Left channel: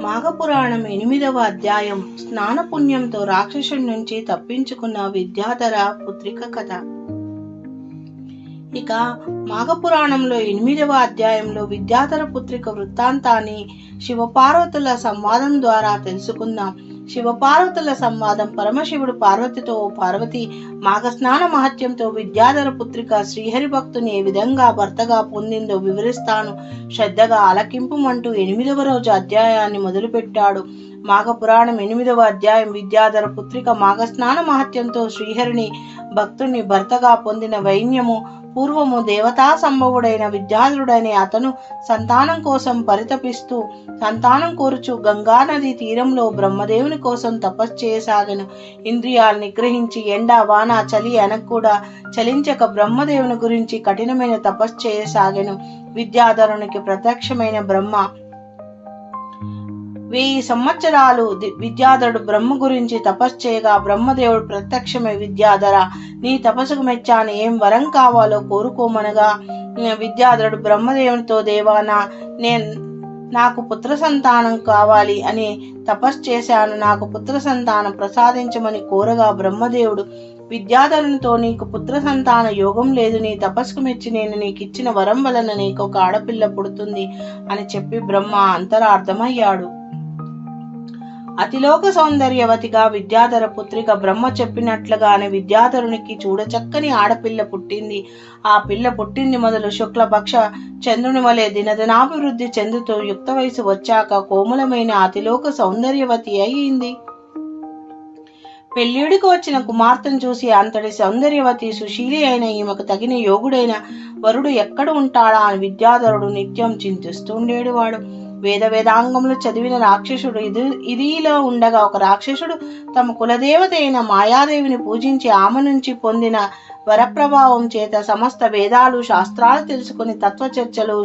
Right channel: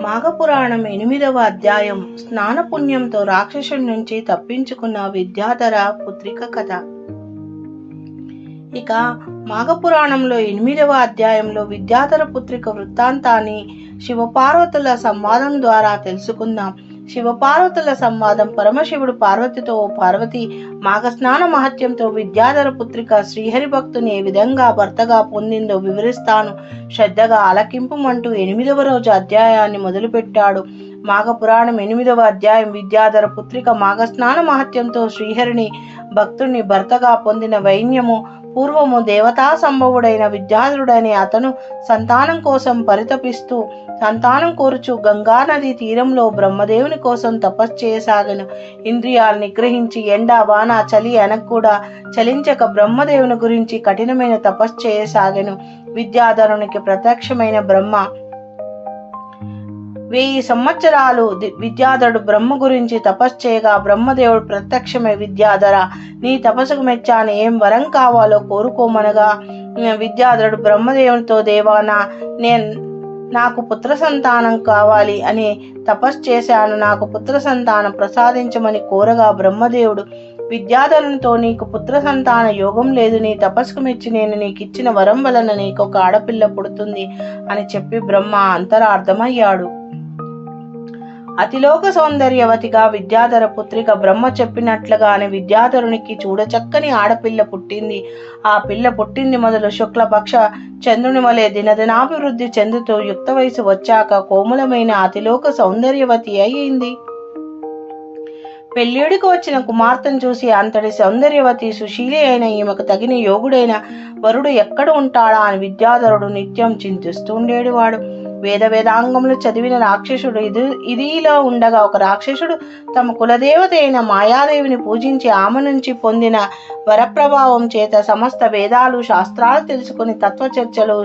మాఘపురాణం ఎనిమిదవ అధ్యాయం. స్నాన పుణ్యంతో రాక్షసుడి నుంచి తప్పించుకున్న విద్యాధర పుత్రిక కథ. ఇక మాఘపురాణంలో ఎనిమిదవ అధ్యాయంలో విద్యాధర పుత్రిక వృత్తాంతాన్ని శివపార్వతుల సంవాదం ద్వారా తెలుసుకుందాం. శివపార్వతుల సంవాదం పరమశివుడు పార్వతితో "ఓ పార్వతి మాఘస్నాన మహత్యంతో విద్యాధర పుత్రిక శ్రీహరి భక్తుని ఏ విధంగా భర్తగా పొందిందో వివరిస్తాను. శ్రద్ధగా ఆలకింపుమంటూ ఎనిమిదవ రోజు అధ్యాయాన్ని మొదలుపెట్టాడు. మాఘ పురాణం ఎనిమిదవ అధ్యాయం విద్యాధర పుత్రిక మాఘస్నాన మహత్యంతో శ్రీహరిని భక్తుని భర్తగా పొందిన వైన్యము పూర్వము దేవతా సంభవుడైన విద్యాధరుడని అతను సంతానం కోసం పరితపిస్తూ సంతానం కోరుచు గంగా నది తీరంలో బ్రహ్మదేవుని కోసం తపస్సు చేయసాగను ఇంద్రియాలు నిగ్రహించి ఎండ వాన చలి అనకు కూడా చలించక బ్రహ్మదేవుని గురించి కఠినమైన తపస్సు చేయసాగను. విద్యాధరునికి ప్రత్యక్షమైన బ్రహ్మ వెయ్యి సంవత్సరాలు విద్యాధరుడు బ్రహ్మ గురించి తపస్సు చేయగా బ్రహ్మదేవుడు ప్రత్యక్షమే విద్యాధర. నీ తపస్సుకు మెచ్చాను ఏం వరం కావాలో కోరుకోమనగా విద్యాధరుడు బ్రహ్మదేవునితో దేవానా నేను నాకు పుత్ర సంతానం కావాలి అని తపస్సు చేశాను నాకు పుత్ర సంతానం ప్రసాదించమని కోరగా బ్రహ్మదేవుడు విద్యాధరునితో నీకు పుత్ర సంతాన యోగం లేదు. నీ తపస్సుకు మెచ్చి నేను నీకు ఇచ్చిన వరం వలన నీకు ఒక ఆడపిల్ల పుడుతుంది అని చెప్పి బ్రహ్మ అంతరార్థమయ్యాడు. అతిలోక సౌందర్యవతిగా విద్యాధర పుత్రిక బ్రహ్మ చెప్పినట్లుగానే విద్యాధరునికి చూడచక్కని ఆడపిల్ల పుట్టింది. ఆ పిల్ల పుట్టింది మొదలు శుక్లపక్ష చంద్రుని వలె దినదినాభివృద్ధి చెందుతూ యుక్త వయసు వచ్చాక కోమలమైన అతిలోక సౌందర్యవతి అయింది. పెళ్ళిడికి వచ్చిన కుమార్తెను చూసి అంతటి సౌందర్యవతి సుశీలి అయిన ఈమెకు తగిన యోగుడైన వరుడు ఎక్కడ ఉంటాడా అని విద్యాధరుడు నిత్యం చింతిస్తుండేవాడు వేద వేదాంగములు చదివిన రాక్షసుడు ఇది ఇదిలో ఉండగా ఒక రాక్షసుడు తమ కులదేవత అయిన మాయాదేవిని పూజించి ఆమె నుంచి పొందిన వరప్రభావం చేత సమస్త వేదాలు శాస్త్రాలు తెలుసుకుని తత్వ చర్చలు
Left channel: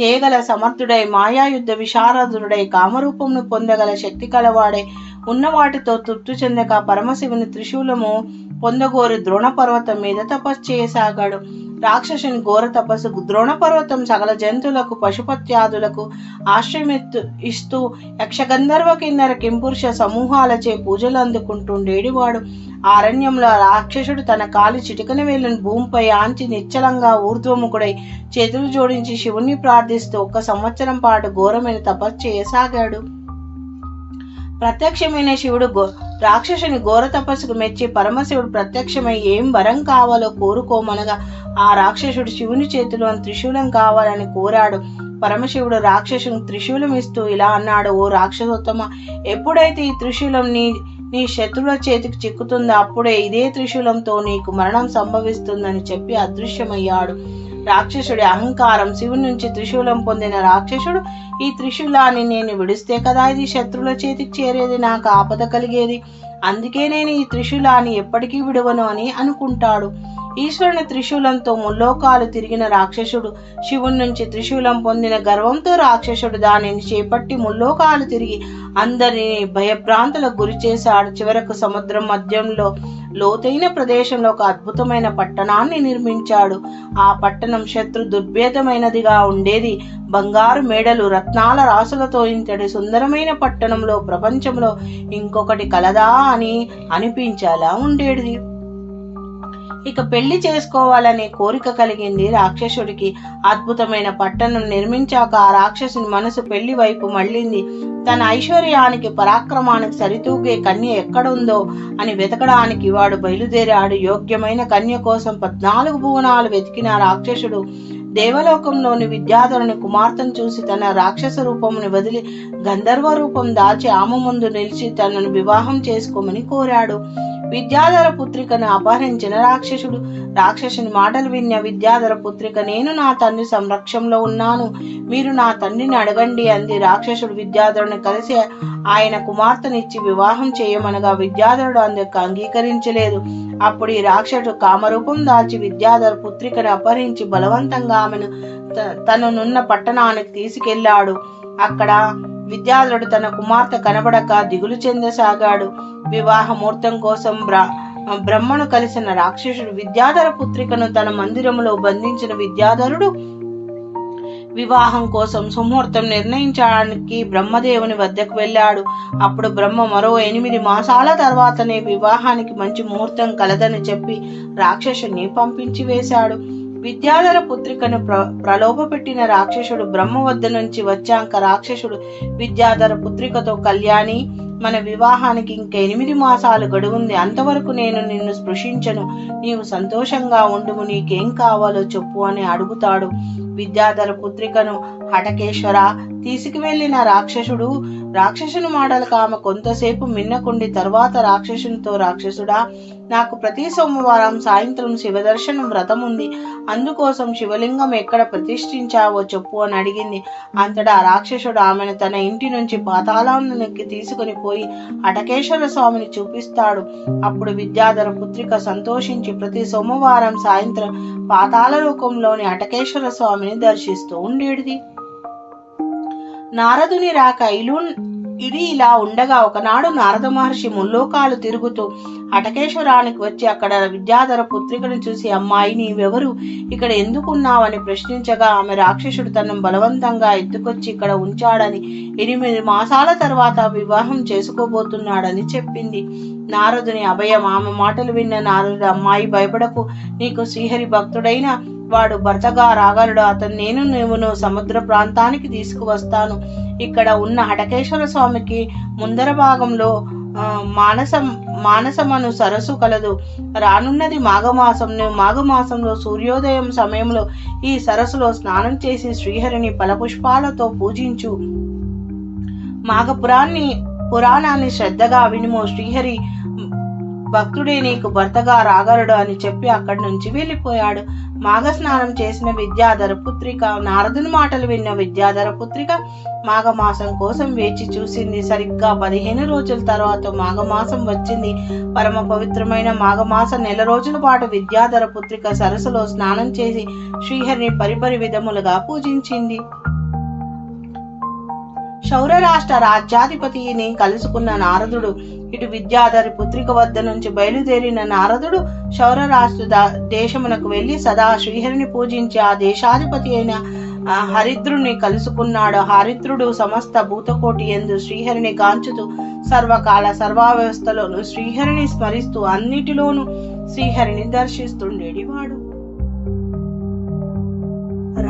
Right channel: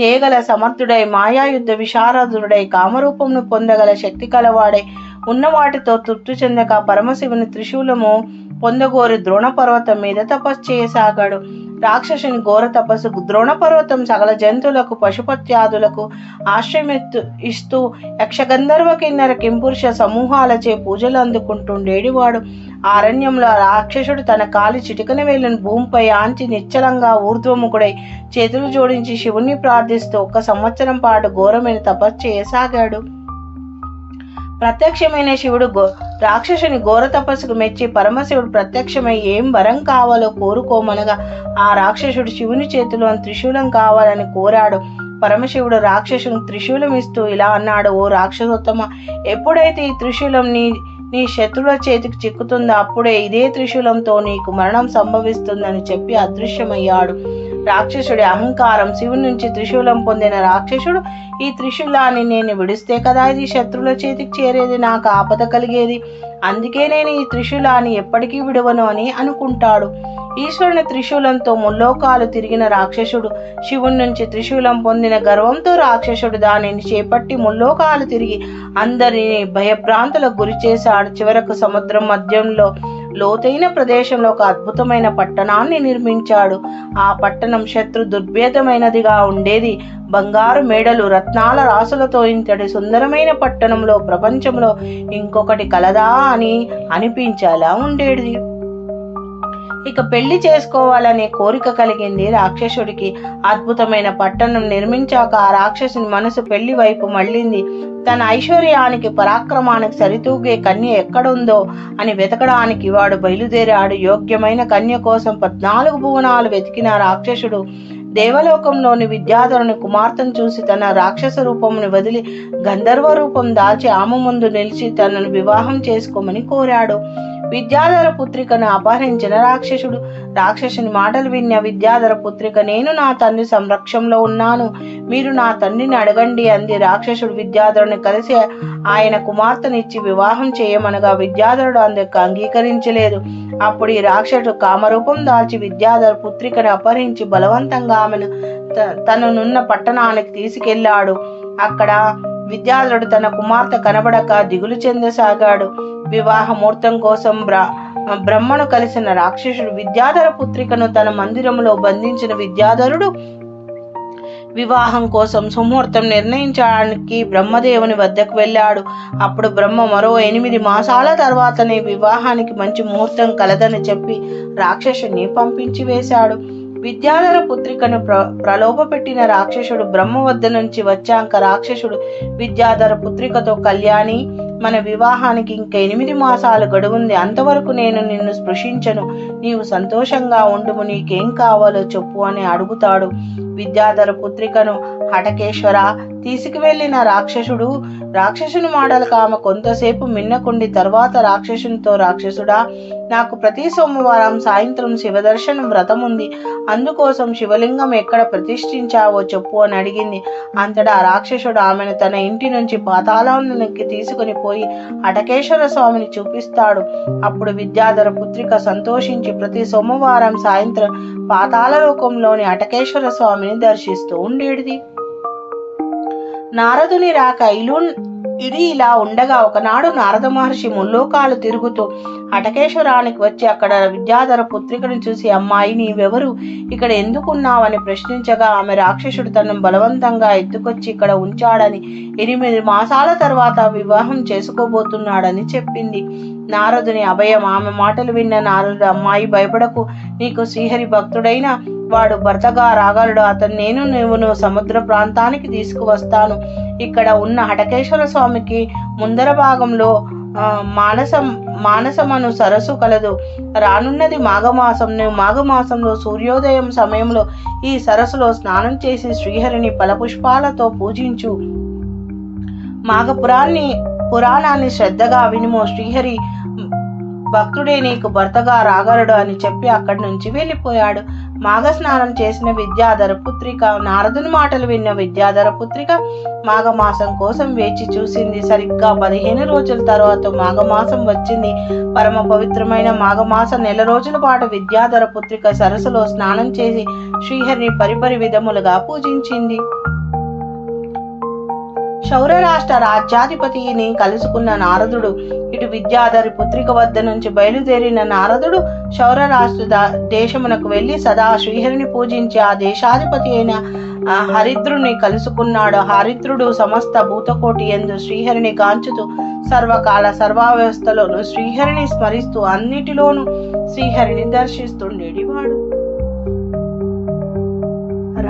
చేయగల సమర్థుడై మాయాయుద్ధ విశారదుడై కామరూపమును పొందగల శక్తి కలవాడై ఉన్న వాటితో తృప్తి చెందక పరమశివుని త్రిశూలము పొందగోరి ద్రోణ పర్వతం మీద తపస్సు చేయసాగాడు. రాక్షసుని ఘోర తపస్సు ద్రోణ పర్వతం సకల జంతువులకు పశుపత్యాదులకు ఆశ్రయమెత్తు ఇస్తూ యక్షగంధర్వ కిన్నర కింపురుష సమూహాలచే పూజలు అందుకుంటుండేడివాడు. అరణ్యంలో రాక్షసుడు తన కాలి చిటికన వేలిన భూమిపై ఆంచి నిశ్చలంగా ఊర్ధ్వముఖుడై చేతులు జోడించి శివుణ్ణి ప్రార్థిస్తూ ఒక సంవత్సరం పాటు ఘోరమైన తపస్సు చేయసాగాడు. ప్రత్యక్షమైన శివుడు గో రాక్షసుని ఘోర తపస్సుకు మెచ్చి పరమశివుడు ప్రత్యక్షమై ఏం వరం కావాలో కోరుకోమనగా ఆ రాక్షసుడు శివుని చేతిలో త్రిశూలం కావాలని కోరాడు. పరమశివుడు రాక్షసుని త్రిశూలం ఇస్తూ ఇలా అన్నాడు ఓ రాక్షసోత్తమ ఎప్పుడైతే ఈ త్రిశూలం నీ నీ శత్రువుల చేతికి చిక్కుతుందో అప్పుడే ఇదే త్రిశూలంతో నీకు మరణం సంభవిస్తుందని చెప్పి అదృశ్యమయ్యాడు. రాక్షసుడి అహంకారం శివుని నుంచి త్రిశూలం పొందిన రాక్షసుడు ఈ త్రిశూలాన్ని నేను విడిస్తే కదా ఇది శత్రువుల చేతికి చేరేది నాకు ఆపద కలిగేది. అందుకే నేను ఈ త్రిశూలాన్ని ఎప్పటికీ విడవను అని అనుకుంటాడు. ఈశ్వరుని త్రిశూలంతో ముల్లోకాలు తిరిగిన రాక్షసుడు శివుని నుంచి త్రిశూలం పొందిన గర్వంతో రాక్షసుడు దానిని చేపట్టి ముల్లోకాలు తిరిగి అందరిని భయభ్రాంతులకు గురి చేశాడు చివరకు సముద్రం మధ్యంలో లోతైన ప్రదేశంలో ఒక అద్భుతమైన పట్టణాన్ని నిర్మించాడు. ఆ పట్టణం శత్రు దుర్భేదమైనదిగా ఉండేది. బంగారు మేడలు రత్నాల రాసులతో ఇంతటి సుందరమైన పట్టణంలో ప్రపంచంలో ఇంకొకటి కలదా అని అనిపించేలా ఉండేది. ఇక పెళ్ళి చేసుకోవాలనే కోరిక కలిగింది రాక్షసుడికి. అద్భుతమైన పట్టణం నిర్మించాక ఆ రాక్షసుని మనసు పెళ్ళి వైపు మళ్ళింది. తన ఐశ్వర్యానికి పరాక్రమానికి సరితూగే కన్య ఎక్కడుందో అని వెతకడానికి వాడు బయలుదేరాడు. యోగ్యమైన కన్య కోసం పద్నాలుగు భువనాలు వెతికిన రాక్షసుడు దేవలోకంలోని విద్యాధరుని కుమార్తెను చూసి తన రాక్షస రూపమును వదిలి గంధర్వ రూపం దాల్చి ఆమె ముందు నిలిచి తనను వివాహం చేసుకోమని కోరాడు. విద్యాధర పుత్రికను అపహరించిన రాక్షసుడు. రాక్షసుని మాటలు విన్న విద్యాధర పుత్రిక నేను నా తండ్రి సంరక్షణలో ఉన్నాను. మీరు నా తండ్రిని అడగండి అంది రాక్షసుడు విద్యాధరుని కలిసి. ఆయన కుమార్తెనిచ్చి వివాహం చేయమనగా విద్యాధరుడు అందుకు అంగీకరించలేదు. అప్పుడు ఈ రాక్షసుడు కామరూపం దాల్చి విద్యాధర పుత్రికను అపహరించి బలవంతంగా ఆమెను త- తననున్న పట్టణానికి తీసుకెళ్ళాడు. అక్కడ విద్యాధరుడు తన కుమార్తె కనబడక దిగులు చెందసాగాడు. వివాహ ముహూర్తం కోసం బ్రహ్మను కలిసిన రాక్షసుడు విద్యాధర పుత్రికను తన మందిరములో బంధించిన విద్యాధరుడు వివాహం కోసం సుముహూర్తం నిర్ణయించడానికి బ్రహ్మదేవుని వద్దకు వెళ్ళాడు. అప్పుడు బ్రహ్మ మరో ఎనిమిది మాసాల తర్వాతనే వివాహానికి మంచి ముహూర్తం కలదని చెప్పి రాక్షసుని పంపించి వేశాడు. విద్యాధర పుత్రికను ప్ర ప్రలోభపెట్టిన రాక్షసుడు బ్రహ్మ వద్ద నుంచి వచ్చాక రాక్షసుడు విద్యాధర పుత్రికతో కళ్యాణి మన వివాహానికి ఇంక ఎనిమిది మాసాలు గడువుంది. అంతవరకు నేను నిన్ను స్పృశించను. నీవు సంతోషంగా ఉండుము. నీకేం కావాలో చెప్పు అని అడుగుతాడు. విద్యాధర పుత్రికను హటకేశ్వర తీసుకువెళ్ళిన రాక్షసుడు రాక్షసుని మాడలకు ఆమె కొంతసేపు మిన్నకుండి తర్వాత రాక్షసునితో రాక్షసుడా నాకు ప్రతి సోమవారం సాయంత్రం శివదర్శనం వ్రతం ఉంది అందుకోసం శివలింగం ఎక్కడ ప్రతిష్ఠించావో చెప్పు అని అడిగింది. అంతటా రాక్షసుడు ఆమెను తన ఇంటి నుంచి పాతాళానికి తీసుకుని పోయి అటకేశ్వర స్వామిని చూపిస్తాడు. అప్పుడు విద్యాధర పుత్రిక సంతోషించి ప్రతి సోమవారం సాయంత్రం పాతాళ లోకంలోని అటకేశ్వర స్వామిని దర్శిస్తూ ఉండేది నారదుని రాక ఇలు ఇది ఇలా ఉండగా ఒకనాడు నారద మహర్షి ముల్లోకాలు తిరుగుతూ అటకేశ్వరానికి వచ్చి అక్కడ విద్యాధర పుత్రికను చూసి అమ్మాయి నీవెవరు? ఇక్కడ ఎందుకున్నావని ప్రశ్నించగా ఆమె రాక్షసుడు తనను బలవంతంగా ఎత్తుకొచ్చి ఇక్కడ ఉంచాడని ఎనిమిది మాసాల తర్వాత వివాహం చేసుకోబోతున్నాడని చెప్పింది. నారదుని అభయం ఆమె మాటలు విన్న నారదుడు అమ్మాయి భయపడకు. నీకు శ్రీహరి భక్తుడైన వాడు భర్తగా రాగలడు. అతను నేను నువ్వును సముద్ర ప్రాంతానికి తీసుకువస్తాను. ఇక్కడ ఉన్న హటకేశ్వర స్వామికి ముందర భాగంలో మానసం మానసమను సరస్సు కలదు. రానున్నది మాఘమాసంను మాఘమాసంలో సూర్యోదయం సమయంలో ఈ సరస్సులో స్నానం చేసి శ్రీహరిని ఫలపుష్పాలతో పూజించు. మాఘపురాన్ని పురాణాన్ని శ్రద్ధగా వినుము శ్రీహరి. భక్తుడే నీకు భర్తగా రాగలడు అని చెప్పి అక్కడి నుంచి వెళ్ళిపోయాడు. మాఘ స్నానం చేసిన విద్యాధర పుత్రిక నారదుని మాటలు విన్న విద్యాధర పుత్రిక మాఘమాసం కోసం వేచి చూసింది. సరిగ్గా పదిహేను రోజుల తర్వాత మాఘమాసం వచ్చింది. పరమ పవిత్రమైన మాఘమాస నెల రోజుల పాటు విద్యాధర పుత్రిక సరస్సులో స్నానం చేసి శ్రీహరిని పరిపరి విధములుగా పూజించింది. శౌర రాష్ట్ర రాజ్యాధిపతిని కలుసుకున్న నారదుడు ఇటు విద్యాధరి పుత్రిక వద్ద నుంచి బయలుదేరిన నారదుడు శౌర రాష్ట్ర దేశమునకు వెళ్ళి సదా శ్రీహరిని పూజించి ఆ దేశాధిపతి అయిన ఆ, హరిద్రుని కలుసుకున్నాడు. హరిద్రుడు సమస్త భూతకోటి ఎందు శ్రీహరిని గాంచుతూ సర్వకాల సర్వావ్యవస్థలోను శ్రీహరిని స్మరిస్తూ అన్నిటిలోనూ శ్రీహరిని దర్శిస్తుండేటివాడు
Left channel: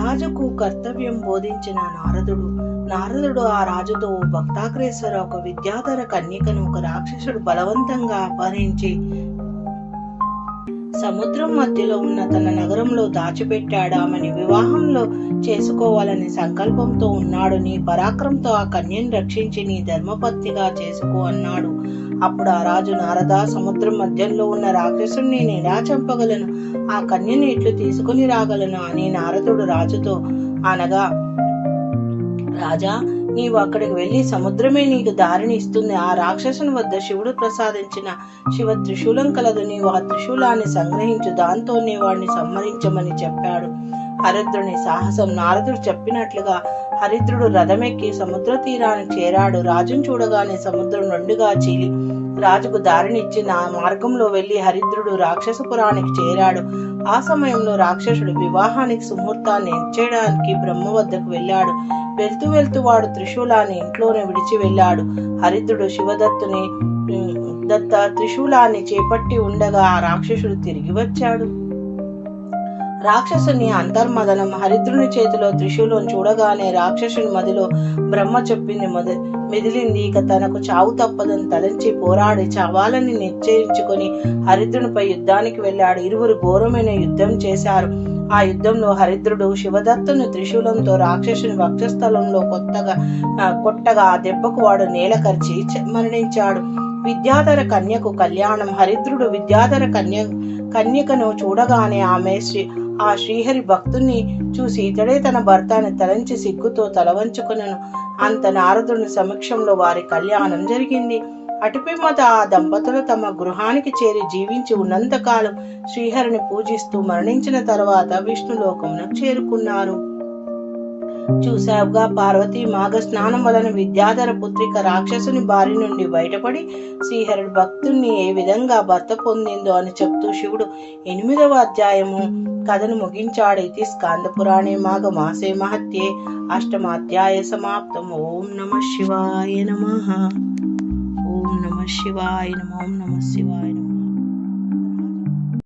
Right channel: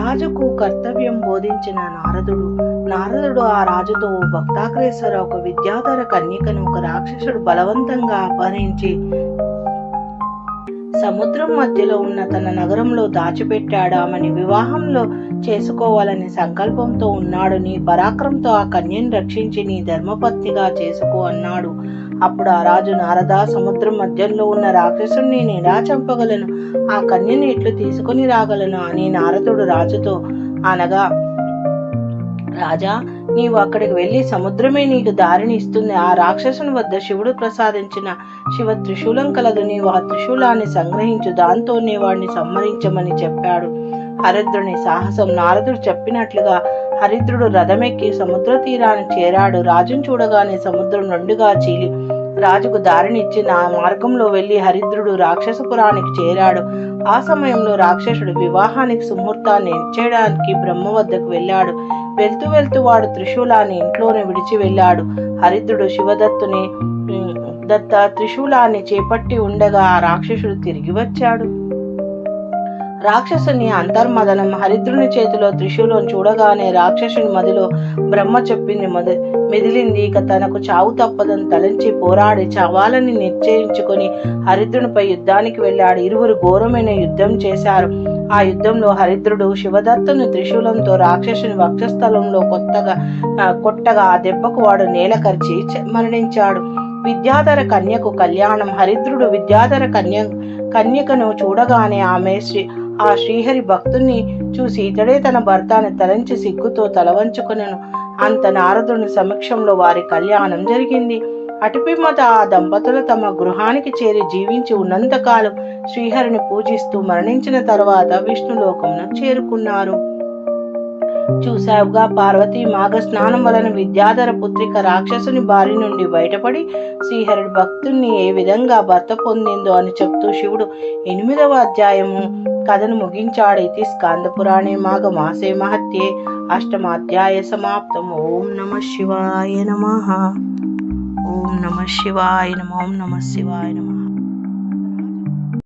రాజుకు కర్తవ్యం బోధించిన నారదుడు నారదుడు ఆ రాజుతో భక్తాగ్రేశ్వర ఒక విద్యాధర కన్యకను ఒక రాక్షసుడు బలవంతంగా అపహరించి సముద్రం మధ్యలో ఉన్న తన నగరంలో దాచిపెట్టాడు. ఆమెని వివాహంలో చేసుకోవాలని సంకల్పంతో ఉన్నాడు. నీ పరాక్రమంతో ఆ కన్యను రక్షించి నీ ధర్మపత్నిగా చేసుకో అన్నాడు. అప్పుడు ఆ రాజు నారద సముద్రం మధ్యలో ఉన్న రాక్షసుడిని నేను ఎలా చంపగలను ఆ కన్యను ఇట్లు తీసుకుని రాగలను అని నారదుడు రాజుతో అనగా రాజా నీవు అక్కడికి వెళ్ళి సముద్రమే నీకు దారిని ఇస్తుంది. ఆ రాక్షసుని వద్ద శివుడు ప్రసాదించిన శివ త్రిశూలం కలదు. నీవు ఆ త్రిశూలాన్ని సంగ్రహించు. దాంతోనే వాడిని సంహరించమని చెప్పాడు. హరిద్రుని సాహసం నారదుడు చెప్పినట్లుగా హరిద్రుడు రథమెక్కి సముద్ర తీరాన్ని చేరాడు. రాజును చూడగానే సముద్రం నుండిగా చీలి రాజుకు దారినిచ్చి నా మార్గంలో వెళ్ళి హరిద్రుడు రాక్షసపురానికి చేరాడు. ఆ సమయంలో రాక్షసుడు వివాహానికి సుముహూర్తాన్ని నిశ్చయడానికి బ్రహ్మ వద్దకు వెళ్ళాడు. వెళ్తూ వెళ్తూ వాడు త్రిశూలాన్ని ఇంట్లోనే విడిచి వెళ్ళాడు. హరిద్రుడు శివదత్తుని దత్త త్రిశూలాన్ని చేపట్టి ఉండగా ఆ రాక్షసుడు తిరిగి వచ్చాడు. రాక్షసుని అంతర్మదనం హరిద్రుని చేతిలో త్రిశూలం చూడగానే రాక్షసుని మదిలో బ్రహ్మ చెప్పింది మొద మెదిలింది ఇక తనకు చావు తప్పదని తలంచి పోరాడి చావాలని నిశ్చయించుకొని హరిద్రునిపై యుద్ధానికి వెళ్ళాడు. ఇరువురు ఘోరమైన యుద్ధం చేశారు. ఆ యుద్ధంలో హరిద్రుడు శివదత్తుని త్రిశూలంతో రాక్షసుని వక్షస్థలంలో కొత్తగా కొట్టగా ఆ దెబ్బకు వాడు నేల కరిచి మరణించాడు. విద్యాధర కన్యకు కళ్యాణం హరిద్రుడు విద్యాధర కన్య కన్యకను చూడగానే ఆమె శ్రీ ఆ శ్రీహరి భక్తుణ్ణి చూసి ఇతడే తన భర్త అని తలంచి సిగ్గుతో తలవంచుకునను. అంత నారదుని సమక్షంలో వారి కళ్యాణం జరిగింది. అటుపిమ్మట ఆ దంపతులు తమ గృహానికి చేరి జీవించి ఉన్నంతకాలం శ్రీహరిని పూజిస్తూ మరణించిన తర్వాత విష్ణులోకమునకు చేరుకున్నారు. చూసావుగా పార్వతి మాఘ స్నానం వలన విద్యాధర పుత్రిక రాక్షసుని బారి నుండి బయటపడి శ్రీహరుడు భక్తుణ్ణి ఏ విధంగా భర్త పొందిందో అని చెప్తూ శివుడు ఎనిమిదవ అధ్యాయము కథను ముగించాడు స్కాంద పురాణే మాఘ మాసే మహత్యే. అష్టమాధ్యాయ సమాప్తం. ఓం నమ శివాయ నమ. ఓం నమ శివాయ నమ. ఓం నమ శివాయ నమ.